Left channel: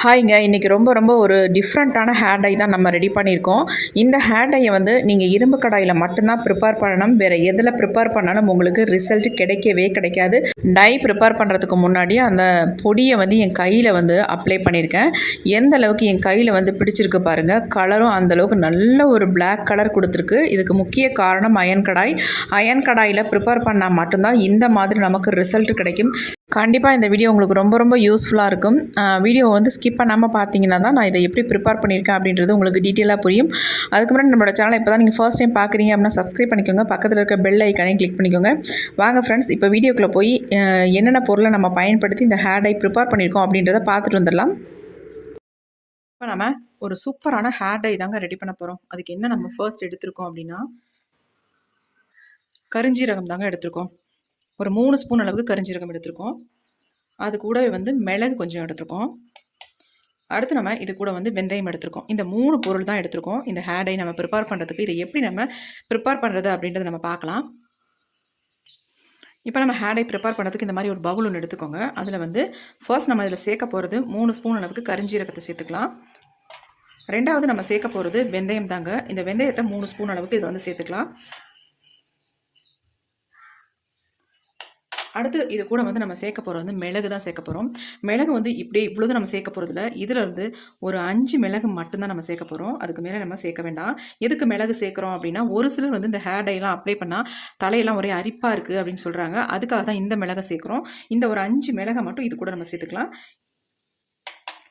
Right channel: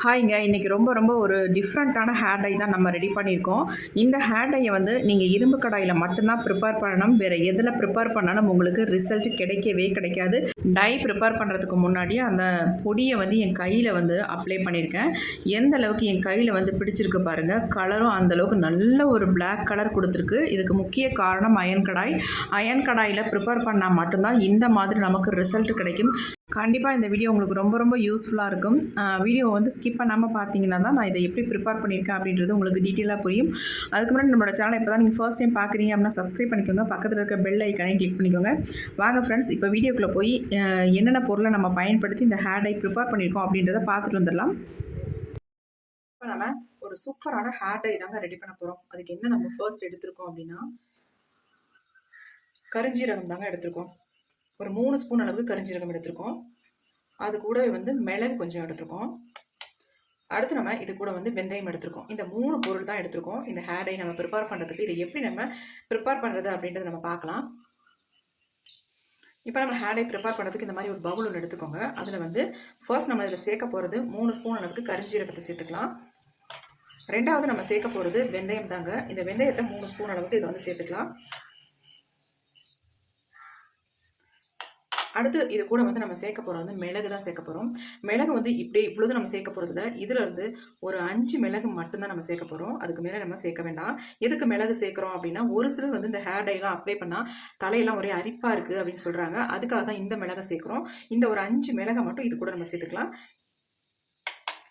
ஹாய்ங்க. இன்றைக்கி ரொம்ப ரொம்ப ஒரு டிஃப்ரெண்ட்டான ஹேர் டை தான் நம்ம ரெடி பண்ணியிருக்கோம். இந்த ஹேர் டையை வந்து நீங்கள் இரும்பு கடாயில் மட்டும்தான் ப்ரிப்பேர் பண்ணணும். வேறு எதில் ப்ரிப்பேர் பண்ணாலும் உங்களுக்கு ரிசல்ட் கிடைக்கவே கிடைக்காது. டை ப்ரிப்பேர் பண்ணுறதுக்கு முன்னாடி அந்த பொடியை வந்து என் கையில் வந்து அப்ளை பண்ணியிருக்கேன். எந்த அளவுக்கு என் கையில் வந்து பிடிச்சிருக்கு பாருங்கள் கலரும் அந்த அளவுக்கு நல்ல ஒரு பிளாக் கலர் கொடுத்துருக்கு. இதுக்கு முக்கிய காரணம் அயன் கடாய். அயன் கடாயில் ப்ரிப்பேர் பண்ணால் மட்டும்தான் இந்த மாதிரி நமக்கு ரிசல்ட் கிடைக்கும். கண்டிப்பாக இந்த வீடியோ உங்களுக்கு ரொம்ப ரொம்ப யூஸ்ஃபுல்லாக இருக்கும். வீடியோ வந்து ஸ்கிப் பண்ணாமல் பார்த்தீங்கன்னா தான் நான் இதை எப்படி ப்ரிப்பேர் பண்ணியிருக்கேன் அப்படின்றது உங்களுக்கு டீட்டெயிலாக புரியும். அதுக்கு முன்னாடி நம்மளோட சேனலை இப்போ தான் நீங்கள் ஃபர்ஸ்ட் டைம் பார்க்குறீங்க அப்படின்னா சப்ஸ்கிரைப் பண்ணிக்கோங்க. பக்கத்தில் இருக்க பெல் ஐக்கானே கிளிக் பண்ணிக்கோங்க. வாங்க ஃப்ரெண்ட்ஸ் இப்போ வீடியோக்குள்ளே போய் என்னென்ன பொருளை நம்ம பயன்படுத்தி இந்த ஹேர் டை ப்ரிப்பேர் பண்ணியிருக்கோம் அப்படின்றத பார்த்துட்டு வந்துடலாம். இப்போ நம்ம ஒரு சூப்பரான ஹேர் டை தாங்க ரெடி பண்ண போகிறோம் அதுக்கு என்ன நம்ம ஃபர்ஸ்ட் எடுத்திருக்கோம் அப்படின்னா கருஞ்சீரகம் தாங்க எடுத்திருக்கோம். ஒரு மூணு ஸ்பூன் அளவுக்கு கருஞ்சீரகம் எடுத்திருக்கோம். அது கூட வந்து மிளகு கொஞ்சம் எடுத்திருக்கோம். அடுத்து நம்ம இது கூட வந்து வெந்தயம் எடுத்திருக்கோம். இந்த மூணு பொருள் தான் எடுத்திருக்கோம். இந்த ஹேடை டை நம்ம ப்ரிப்பேர் பண்ணுறதுக்கு இதை எப்படி நம்ம ப்ரிப்பேர் பண்ணுறது அப்படின்றத நம்ம பார்க்கலாம். இப்போ நம்ம ஹேடை ப்ரிப்பேர் பண்ணுறதுக்கு இந்த மாதிரி ஒரு பவுல் ஒன்று எடுத்துக்கோங்க. அதில் வந்து ஃபர்ஸ்ட் நம்ம இதில் சேர்க்க போகிறது மூணு ஸ்பூன் அளவுக்கு கரிஞ்சீரகத்தை சேர்த்துக்கலாம். ரெண்டாவது நம்ம சேர்க்க போகிறது வெந்தயம் தாங்க. இந்த வெந்தயத்தை மூணு ஸ்பூன் அளவுக்கு இதில் வந்து சேர்த்துக்கலாம். அடுத்து இது கூட வந்து நம்ம சேர்க்க போகிறது வந்து மிளகு தான் சேர்க்க போகிறோம் மிளகு வந்து இப்படியே இவ்வளோதான் நம்ம சேர்க்க போகிறதுல இதில் இருந்து ஒரு அஞ்சு மிளகு மட்டும்தான் நம்ம சேர்க்க போகிறோம் அதுக்கு மேலே நம்ம சேர்க்க வேண்டாம். எதுக்கு மிளகு சேர்க்குறோம் அப்படின்னா ஒரு சிலர் வந்து இந்த ஹேர் டைலாம் அப்ளை பண்ணால் தலையெல்லாம் ஒரே அரிப்பாக இருக்குது அப்படின்னு சொல்கிறாங்க அதுக்காக தான் இந்த மிளகை சேர்க்குறோம். இந்த ஒரு அஞ்சு மிளகை மட்டும் இது கூட நம்ம சேர்த்துக்கலாம்.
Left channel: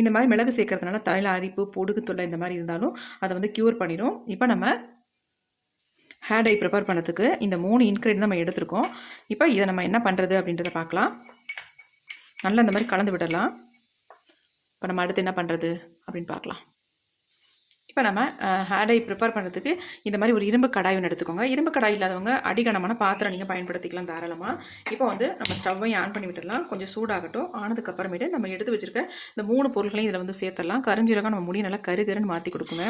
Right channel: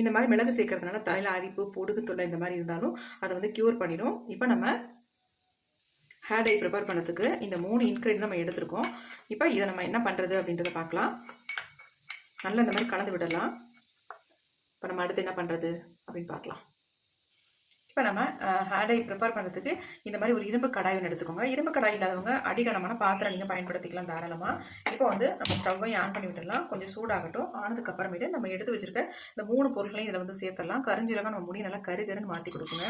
இந்த மாதிரி மிளகு சேர்க்கறதுனால தலையில் அரிப்பு பொடுகு தொல்லை இந்த மாதிரி இருந்தாலும் அதை வந்து க்யூர் பண்ணிடும் இப்போ நம்ம ஹேர் டை ப்ரிப்பேர் பண்ணுறதுக்கு இந்த மூணு இன்க்ரீடியன்ட் நம்ம எடுத்திருக்கோம். இப்போ இதை நம்ம என்ன பண்ணுறது அப்படின்றத பார்க்கலாம். நல்லா இந்த மாதிரி கலந்து விடலாம். இப்போ நம்ம அடுத்து என்ன பண்ணுறது அப்படின்னு பார்க்கலாம். இப்போ நம்ம ஹேடை ப்ரிப்பேர் பண்ணுறதுக்கு இந்த மாதிரி ஒரு இரும்பு கடாய் ஒன்று எடுத்துக்கோங்க. இரும்பு கடாய் இல்லாதவங்க அடிகனமான பாத்திரம் நீங்கள் பயன்படுத்திக்கலாம் தாராளமாக இப்போ வந்து நம்ம ஸ்டவ்வையும் ஆன் பண்ணி விட்டுடலாம். கொஞ்சம் சூடாகட்டும். ஆனதுக்கு அப்புறமேட்டு நம்ம எடுத்து வச்சிருக்க இந்த மூணு பொருட்களையும் இதில் வந்து சேர்த்துடலாம். கரிஞ்சீரகம் நம்ம முடி நல்லா கருகருன்னு மாற்றி கொடுக்குங்க.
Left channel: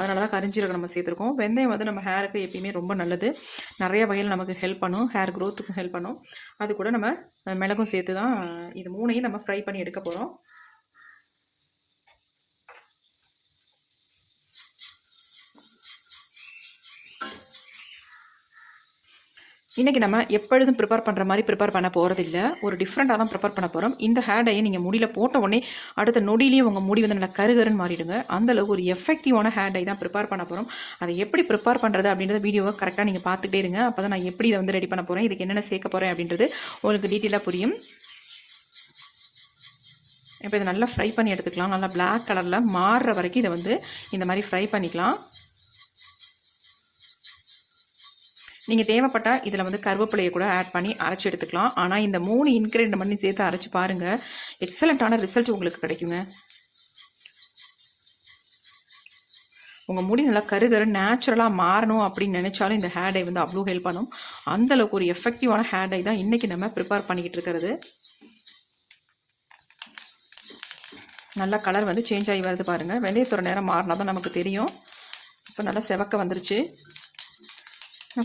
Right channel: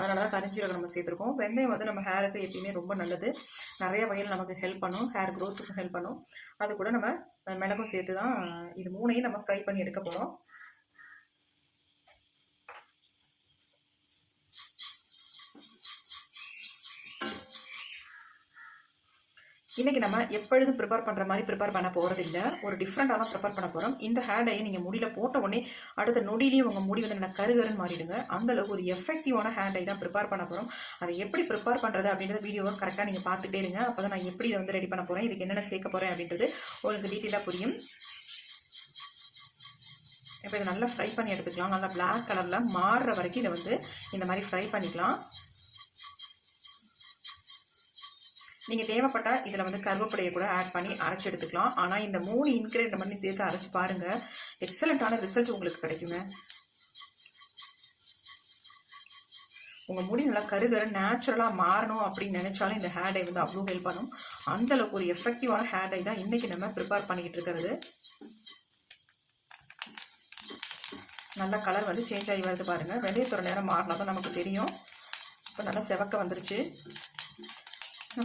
அதனால தான் கரிஞ்சீரகம் நம்ம சேர்த்துருக்கோம். வெந்தயம் வந்து நம்ம ஹேருக்கு எப்பயுமே ரொம்ப நல்லது. நிறைய வகையில் நமக்கு ஹெல்ப் பண்ணும். ஹேர் க்ரோத்துக்கும் ஹெல்ப் பண்ணும். அது கூட நம்ம மிளகும் சேர்த்து தான் இது மூணையும் நம்ம ஃப்ரை பண்ணி எடுக்க போகிறோம் இன்றைக்கி நம்ம எப்பொழுதும் ப்ரிப்பேர் பண்ணுற மாதிரி ப்ரிப்பேர் பண்ண போகிறதில்ல ஒரு டிஃப்ரெண்ட்டாக தான் ப்ரிப்பேர் பண்ண போகிறோம் இந்த ஹேர் டையை நீங்கள் முடியில் போட்ட உடனே அடுத்த நொடியிலேயே உங்கள் முடி வந்து நல்லா கருகருன்னு மாறிடுங்க. அந்தளவுக்கு ஒரு எஃபெக்டிவான ஹேர் டை தான் ப்ரிப்பேர் பண்ண போகிறோம் அதை எப்படி ப்ரிப்பேர் பண்ணுறது அப்படின்றத வீடியோவை கரெக்டாக நீங்கள் பார்த்துட்டே இருங்க. அப்போ தான் நான் எப்படி இதை வந்து ரெடி பண்ண போகிறேன் இதுக்கு என்னென்ன சேர்க்க போகிறேன் அப்படின்றது உங்களுக்கு டீட்டெயிலாக புரியும். இப்போ இதை நல்லா ஃப்ரை பண்ணி எடுத்துக்கலாம். நல்லா பிளாக் கலரில் மாறுற வரைக்கும் இதை வந்து இந்த மாதிரி ஃப்ரை பண்ணிக்கலாம். நீங்கள் தேவைப்பட்டால் இதில் வந்து கருவேப்பிலையை கூட ஆட் பண்ணி அரைச்சி எடுத்துக்கலாம். ஆனால் இந்த மூணு இன்க்ரீடியன்ட் பண்ணி சேர்த்து அரைச்சி பாருங்கள் எக்ஸலண்ட்டான ரிசல்ட் உங்களுக்கு கிடைக்குங்க. உங்கள் முடி நல்லா கருகரு நேச்சுரலாக மாறணும் அப்படின்னு நினச்சாலும் இந்த ஹேர் டை வந்து அவ்வளோ ஹெல்ப் பண்ணும். அந்தளவுக்கு ஒரு எஃபெக்டிவான ஹேர் டை தான் இன்றைக்கி நம்ம ப்ரிப்பேர் பண்ணிக்கிட்டு இருக்கிறது. நல்லா கலர் வந்து சேஞ்ச் ஆகி வருது பாருங்கள் வெந்தயத்தோட நேரம் மாறினா தான் நமக்கு தெரியும். இப்போ நல்லா செவக்க வந்துருச்சு.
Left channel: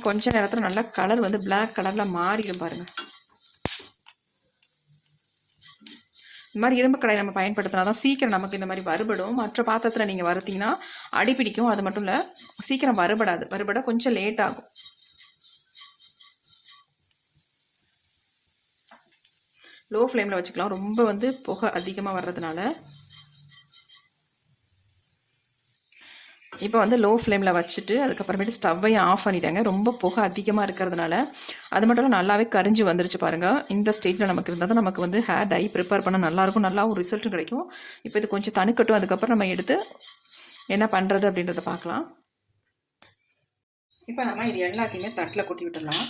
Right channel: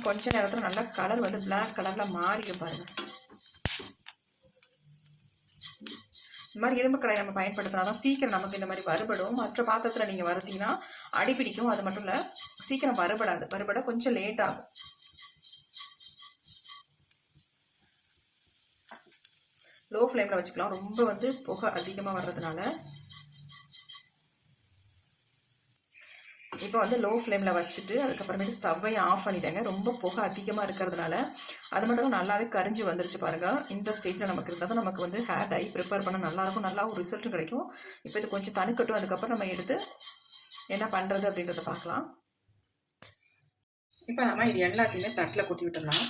கொஞ்ச நேரத்தில் நல்லா கலர் வந்து பிளாக் கலரில் மாறிடும் பாருங்கள் இந்த மாதிரி இரும்பு கடாய் நம்ம பயன்படுத்தினா தான் சீக்கிரம் நமக்கு இந்த மாதிரி வறுபடும். மற்ற பாத்திரத்தில் நீங்கள் வறுத்தீங்கன்னா அடிப்பிடிக்கும் அது மட்டும் இல்லை சீக்கிரம் வறுபடாது. வறுபட கொஞ்சம் லேட் ஆகும். லோ ஃப்ளேமில் வச்சுக்கலாம். ரொம்ப வந்து புகை அதிகமாக வர்றதுனால. இப்போ வந்து லோ ஃப்ளேமில் வச்சுட்டு அதுக்கப்புறமேட்டு ஸ்டவ்வையும் ஆஃப் பண்ணிட்டாங்க. ரொம்ப புகை அதிகமாக இருக்கிறதுனால அது மட்டும் நல்லாவே கரிஞ்சு வந்துருச்சு பாருங்கள் இந்த ஸ்டேஜில் நமக்கு இருந்தால் தான் நமக்கு வந்து ஹேர் டை ப்ரிப்பேர் பண்ண நல்லாயிருக்கும். நல்லா ஒரு ரிசல்ட்டும் கிடைக்கும். இப்போ இது கொஞ்சம் தணுக்கட்டும். அதுக்கப்புறம் நம்ம எடுத்து என்ன பண்ணுறது அப்படின்றத பார்க்கலாம். இப்போ நம்ம இது எல்லாத்தையுமே தட்டில் கொட்டி விட்டுடலாம்.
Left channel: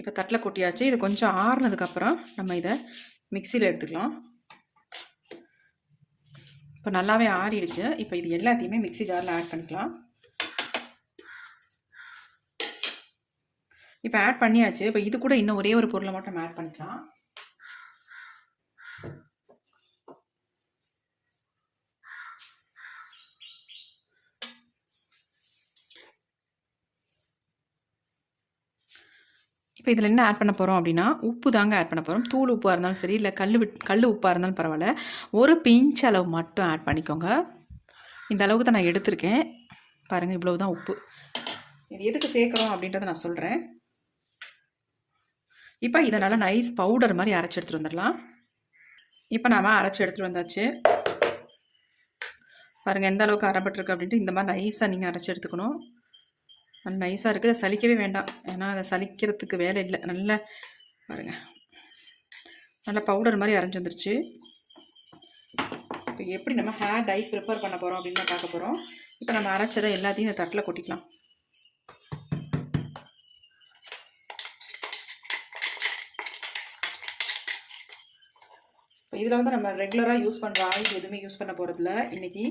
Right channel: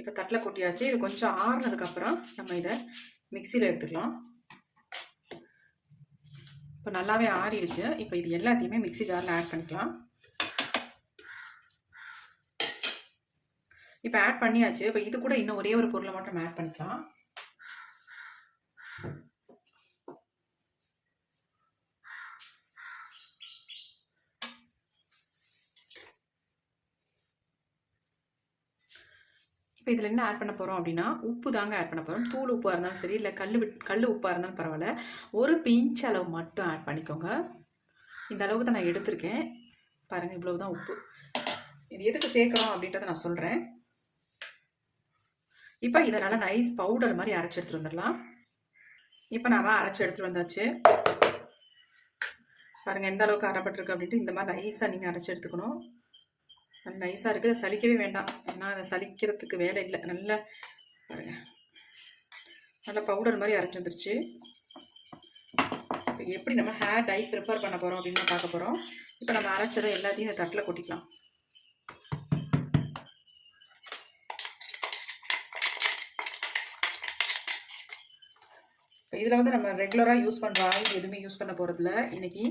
இப்போ தட்டில் கொட்டியாச்சு. இது கொஞ்சம் ஆறுனதுக்கப்புறம் நம்ம இதை மிக்சியில் எடுத்துக்கலாம். இப்போ நல்லாவே ஆறிடுச்சு. இப்போ இது எல்லாத்தையுமே மிக்ஸி ஜாரில் ஆட் பண்ணிக்கலாம். இப்போ ஆட் பண்ணியாச்சு. இப்போ இது கூட இன்னும் ஒரே ஒரு பொருளை மட்டும் ஆட் பண்ணிக்கலாம். இப்போ இதில் என்ன ஆட் பண்ண போகிறோம் அப்படின்னா உப்பு தாங்க ஆட் பண்ண போகிறோம் தூள் உப்பாக இருந்தாலும் சரி இல்லை கல் கல் உப்பாக இருந்தாலும் பரவாயில்ல. ஒரு பிஞ்ச் அளவு மட்டும் ஆட் பண்ணிக்கோங்க. இந்த அளவுக்கு தான் நான் எடுத்திருக்கேன். பாருங்கள் இவ்வளவு தான் உப்பு. இது எதுக்கு சேர்க்குறோம் அப்படின்றத நான் சொல்கிறேன் இப்போ இதை நல்லா நைஸ் பவுடர் மாதிரி அரைச்சி எடுத்துகிட்டு வந்துடலாம். இப்போ நாம் அரைச்சி எடுத்துகிட்டு வந்தாச்சு. பாருங்கள் எந்த அளவுக்கு அரைப்பட்டிருக்கு அப்படின்ட்டு இந்த மாதிரி நைஸாக நீங்கள் அரைச்சி எடுத்துக்கணும். நல்ல நைஸாக இருக்குது அதை சலிக்கவே வேண்டாம். ஏன்னா அதை சலிக்கிறதுக்கு வேலை இல்லை. நல்ல பாருங்கள் நல்ல பவுடர் மாதிரி அரைஞ்சி வந்துருச்சு. இப்போ எப்படி நம்ம ஹேர் டை ப்ரிப்பேர் பண்ண போகிறோம் அப்படின்னு பார்க்க போகிறோம் இப்போ நம்ம அரைச்சதை எல்லாத்தையும் இந்த தட்டில் கொட்டிக்கலாம். இப்போ இதில் வந்து நம்ம ரெகுலராக யூஸ் பண்ணுற ஆயில் எதுவுமே யூஸ் பண்ண போகிறதில்ல இன்றைக்கி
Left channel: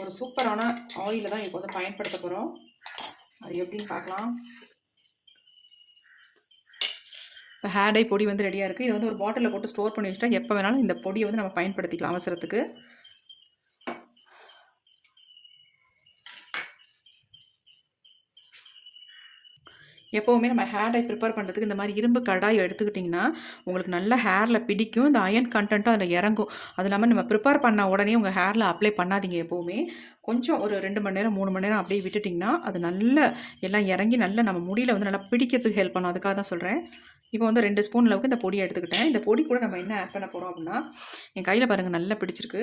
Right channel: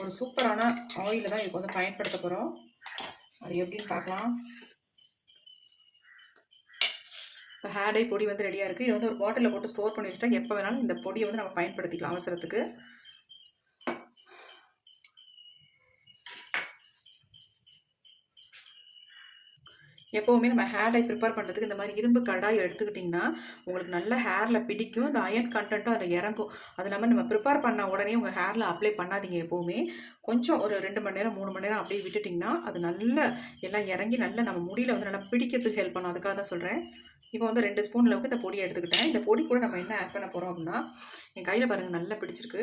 ஒரு சூப்பரான ஆயிலை தான் இப்போ வந்து பயன்படுத்த போகிறோம் அது எப்படின்னு பார்க்கலாம். இப்போ ஹேர் பொடி வந்து ரெடியாக இருக்குது இதை வந்து ஒரு பாட்டிலில் போட்டு ஸ்டோர் பண்ணி வச்சுட்டா எப்போ வேணாலும் இந்த பொடியை வந்து நம்ம பயன்படுத்திக்கலாம் அவசரத்துக்கு. எப்போவுமே நம்ம ஹேர் டை ப்ரிப்பேர் பண்ணுறதுக்கு இந்த மாதிரி இரும்பு கடாய் எடுத்துக்கிட்டிங்கன்னா உங்களுக்கு நல்ல ஹேரில் பிடிக்கும் இந்த அயன் கண்டென்ட்டும் அதில் இறங்கும். அது இல்லாமல் நம்ம ப்ரிப்பேர் பண்ண உடனே உங்கள் ஹேரில் அப்ளை பண்ணாதீங்க எப்போவுமே. கொஞ்சம் ஒரு ரெண்டு மணி நேரம் மூணு மணி நேரம் அப்படியே விட்டுட்டிங்கன்னா அது நல்ல எல்லாம் இறங்கி நல்ல நம்ம முடியில் வந்து நல்லா பிடிக்கிறதுக்கு ஹெல்ப் பண்ணும். அதுக்காக தான் சொல்கிறேன் இப்போ வந்து ரெண்டு ஸ்பூன் அளவுக்கு இந்த பொடியை எடுத்துக்கிட்டேன். இந்த பொடி கூட நம்ம என்ன ஆட் பண்ண போகிறோம் அப்படின்னா என் கையில் பாருங்கள் நல்லா பிடிச்சிருக்கு.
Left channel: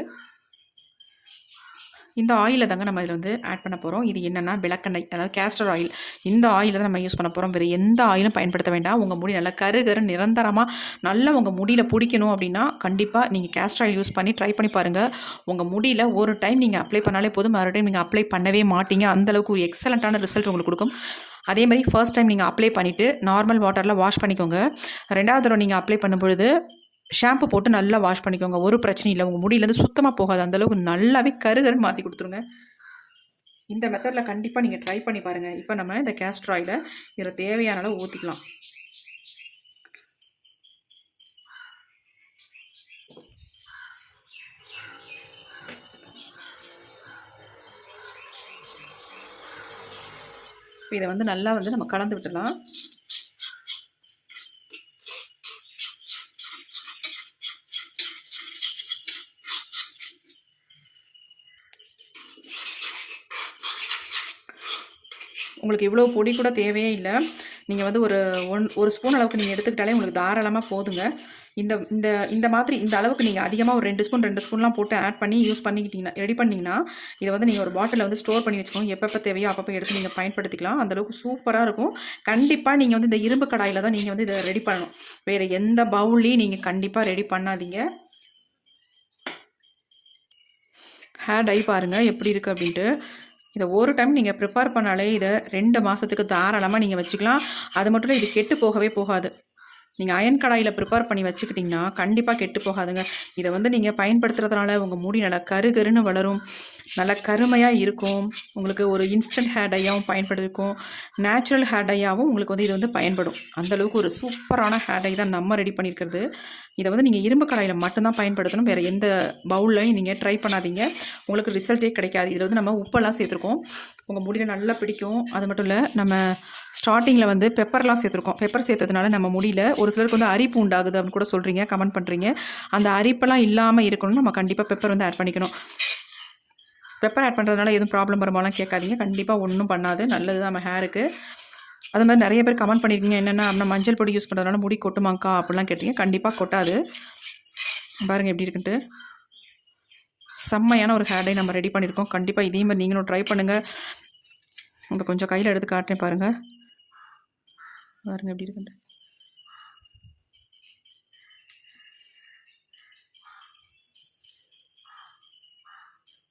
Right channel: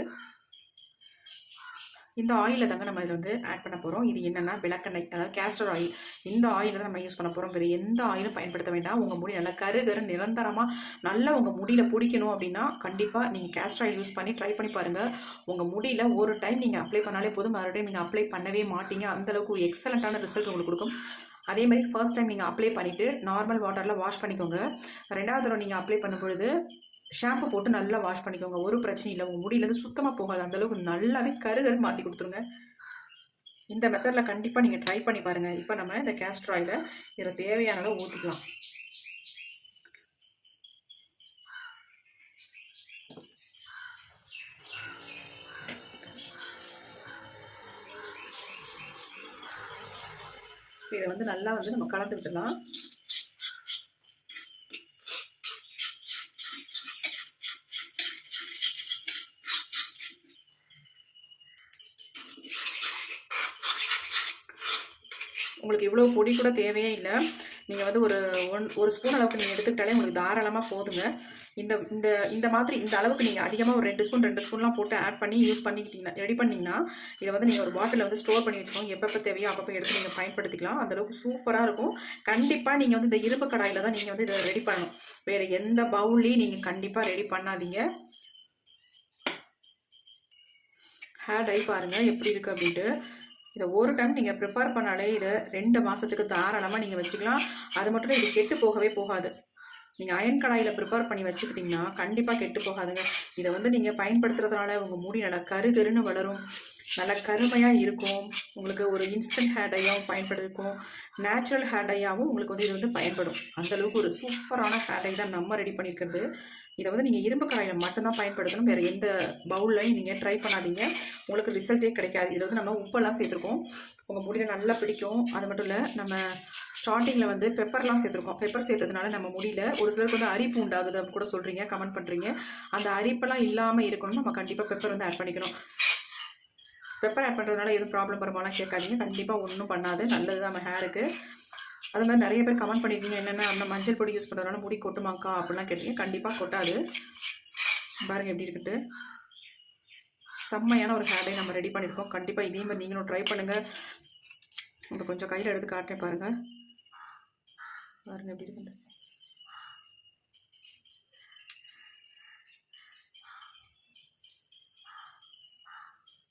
இந்த ஆயிலை தாங்க நம்ம இதில் வந்து ஆட் பண்ண போகிறோம் இது என்னென்னா விளக்கெண்ணெய் அதாவது கேஸ்டர் ஆயில் இந்த ஆயிலை தான் நம்ம யூஸ் பண்ண போகிறோம் வேறு எந்த ஆயிலும் பயன்படுத்த வேண்டாம். உங்கள் முடி நல்லா கரு கரு நிரந்தரமாக நல்லா உங்கள் முடியில் பிடிக்கணும் அப்படின்னா கண்டிப்பாக நீங்கள் கேஸ்டர் ஆயில் யூஸ் பண்ணி ட்ரை பண்ணி பாருங்கள் உங்கள் முடியில் ஒரு டைம் நீங்கள் அப்ளை பண்ணாலே போதும். மறுபடியும் நீங்கள் அப்ளை பண்ணவே மாட்டீங்க. அந்தளவுக்கு ஒரு எக்ஸலண்ட்டான ரிசல்ட் உங்களுக்கு கொடுக்கும். அதே மாதிரி ஃபர்ஸ்ட் டைம் நீங்கள் அப்ளை பண்ணிவிட்டு நார்மல் வாட்டரில் வாஷ் பண்ணிக்கோங்க. ரெண்டாவது தடவை நீங்கள் அப்ளை பண்ணும்பொழுது ஷாம்பு போட்டு நல்லா வாஷ் பண்ணிக்கோங்க. ஒரு பிரச்சனையும் இல்லை. உங்கள் முடியிலேருந்து சுத்தமாக போகாது. அந்தளவுக்கு நல்லாவே கருகருன்னு மாற்றி கொடுத்துருங்க. இந்த மெத்தடில் கண்டிப்பாக நீங்கள் ட்ரை பண்ணி பாருங்கள் இப்போ நம்ம இந்த கேஸ்டர் ஆயிலை இதில் தேவையான அளவு ஊற்றிக்கலாம் இப்போ இதை வந்து நல்லா வந்து நம்ம கலந்து விட்டுடலாம். உங்களுக்கு இவ்வளோ பொடி கூட தேவையே இல்லை. நீங்கள் வந்து ஒரு ஒன் ஒரு ஸ்பூன் அளவுக்கு நீங்கள் எடுத்துக்கிட்டாலே உங்களுக்கு தாராளமாக போதுங்க. இந்த இந்த இந்த மாதிரி இந்த அளவுக்கு நீங்கள் அதிகமாக ஒரு ரெண்டு ஸ்பூன் ரெண்டு ஸ்பூன்லாம் போட்டு ஆட் பண்ணி யூஸ் பண்ணிக்கிட்டீங்கன்னா ரெடி பண்ணிங்கன்னா இதை வந்து நீங்கள் ஒரு பாட்டிலில் வந்து ஸ்டோர் பண்ணி வச்சுக்கோங்க. எப்பப்போ தேவையோ அப்பப்போ எடுத்து நீங்கள் பயன்படுத்திக்கலாம். அந்தளவுக்கு சூப்பராக இருக்கும். கண்டிப்பாக நீங்கள் வந்து இந்த இரும்பு கடாயில் தான் நீங்கள் வந்து இதை ரெடி பண்ணணும். வேறு எந்த பவுல்லையும் நீங்கள் கண்டிப்பாக ரெடி பண்ணாதீங்க. ஹேர் டை பாருங்கள் எப்படி இருக்குது அப்படின்ட்டு. இதை ஒரு டைம் நீங்கள் ப்ரிப்பேர் பண்ணாலே இதை ரெண்டு மாதத்துக்கு தாராளமாக நீங்கள் வச்சுக்கலாம். அது மட்டும் இல்லை இது கெட்டு போகவே போகாது. நீங்கள் அயன் கடாயில் ப்ரிப்பேர் பண்ணி வச்சுக்கிட்டிங்கன்னா கண்டிப்பாக கெட்டு போகாதுங்க. இதை வந்து நீங்கள் பயன்படுத்துறதுனால உங்கள் முடி நல்லா கரு கருன்னு வளரும். நல்லா கருமையாக இருக்கும். உங்களுக்கு ஒரு இன்ஸ்டன்ட் ஹேர் டையாகவும் பயன்படுத்திருக்கும் நேச்சுரல் ஹேர் டையாகவும் உங்களுக்கு வந்து இது வந்து பயன்படும். அந்தளவுக்கு ஒரு சூப்பரான ஹேர் டை தான் நம்ம ரெடி பண்ணியிருக்கிறது இதை வந்து நீங்கள் இரும்பு கடாயில் மட்டும்தான் பயன்படுத்தணும். வேறு எந்த பவுல்லையும் நீங்கள் ட்ரை பண்ணாதீங்க. உங்களுக்கு ரிசல்ட்டே கிடைக்காது. இதில் வந்து நம்ம உப்பெல்லாம் சேர்த்துருக்கோம். உங்கள் முடியில் நல்லா பிடிக்கும். அது மட்டும் இல்லை நம்ம ஸ்டார்டிங்கில் வந்து பெப்பர்லாம் சேர்த்துருக்கோம். பெப்பர் சேர்த்ததுனால நம்ம முடியில் ஒரு சிலருக்கு வந்து அரிப்பு உண்டாகுது அப்படின்னு கூட சொல்கிறீங்க கமெண்ட் பண்ணுறீங்க அந்த அரிப்பெல்லாம் இல்லாமல் இருக்கணும் நம்ம கண்டிப்பாக பெப்பர் வந்து ஆட் பண்ணிக்கணும். பெப்பர் ஆட் பண்ணுறதுனால எதுவும் ப்ராப்ளம் வருமாலாம் கேட்காதீங்க. கண்டிப்பாக ஒன்றும் பண்ணாது. நல்லது தான் நம்ம ஹேருக்கு அது மாதிரி நிறைய பேர் கமெண்ட் பண்ணியிருக்கீங்க என்னென்னா நம்ம மஞ்சள் பொடி யூஸ் பண்ணுறதுனால முடி கொட்டுமாக்கா? அப்படிலாம் கேட்டிருக்கீங்க. கண்டிப்பாக கொட்டாது. பாருங்கள் எப்படி இருக்குன்ட்டு. செம்மையான ஒரு ஹேர் டை நம்ம ரெடி பண்ணியிருக்கோம் கண்டிப்பாக இதே மாதிரி நீங்களும் ட்ரை பண்ணுங்கள் இப்போ கொஞ்சம் கையில் எடுத்து காட்டுறேன் பாருங்கள் பாருங்கள் எப்படி இருக்குன்ட்டு.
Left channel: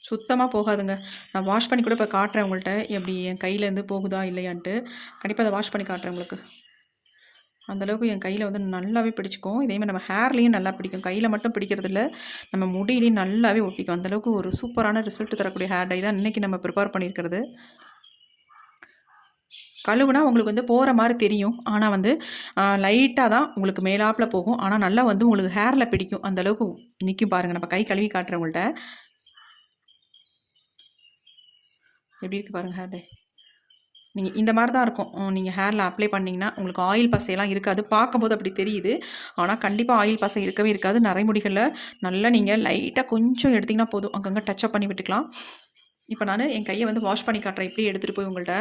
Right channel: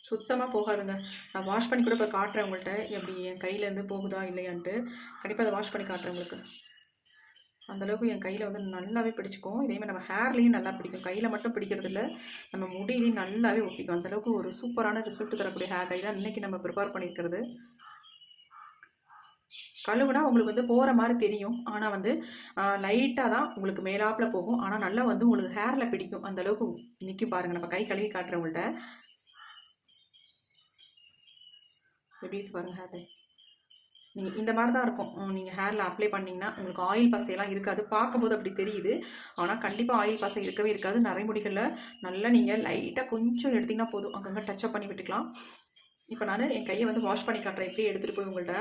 சுத்தமாக போகாதுங்க. நான் வாஷ் பண்ணி கூட இப்போ காட்டுறேன் உங்கள்கிட்ட எப்படி என் கையிலேருந்து போகுதா இல்லையான்ட்டு. கண்டிப்பாக அதை வாஷ் பண்ணி காட்டுறேன் உங்களுக்கு. அந்தளவுக்கு என் கையில் வந்து நல்லாவே பிடிச்சிக்கும். இதேமாதிரி நம்ம ஹேர்லேயும் நல்லா பிடிக்கும். கையில் மட்டும் பிடிக்கிறது இல்லை. நம்ம முடியிலையும் நல்லாவே ஒட்டிக்கும். அந்தளவுக்கு ஒரு சூப்பரான ரிசல்ட் தரக்கூடிய ஹேர் டை தான் இன்றைக்கி நம்ம ப்ரிப்பேர் பண்ணியிருக்கிறது. கழுவுனா உங்களுக்கு வந்து போகிற மாதிரி தெரியும். ஆனால் வந்து லைட்டாக தான் உங்களுக்கு மேலாப்பில் போகும். ஆனால் நல்லா வந்து உங்களுக்கு ஹேரில் பிடிக்கும். அந்தளவுக்கு நிற்கும் பாருங்கள் நம்ம கை கழுவி காட்டுறவங்கள்ட்ட எப்படி இருக்குது பாருங்கள் ஹேர் டே நீங்கள் இந்த மாதிரி தான் இருக்கும். நீங்கள் ஹேரில் அப்ளை பண்ணிங்கன்னா உங்களுக்கு ஆயில் பசையெல்லாம் இருக்காது. பார்க்கும்போது அப்படி தெரியுது. ஆனால் கண்டிப்பாக ஆயில் பசை இருக்கவே இருக்காது. நரைமுடிகளில் நல்லா நீங்கள் லைட்டாக கொஞ்சம் எடுத்திங்கன்னா போதும். அங்கங்கே டச்சப் பண்ணி விட்டுக்கலாம். இப்போ நான் என் கையை வந்து வாஷ் பண்ணி காட்டுறேன். இப்படியே எடுத்துகிட்டு போய் உங்கள்கிட்ட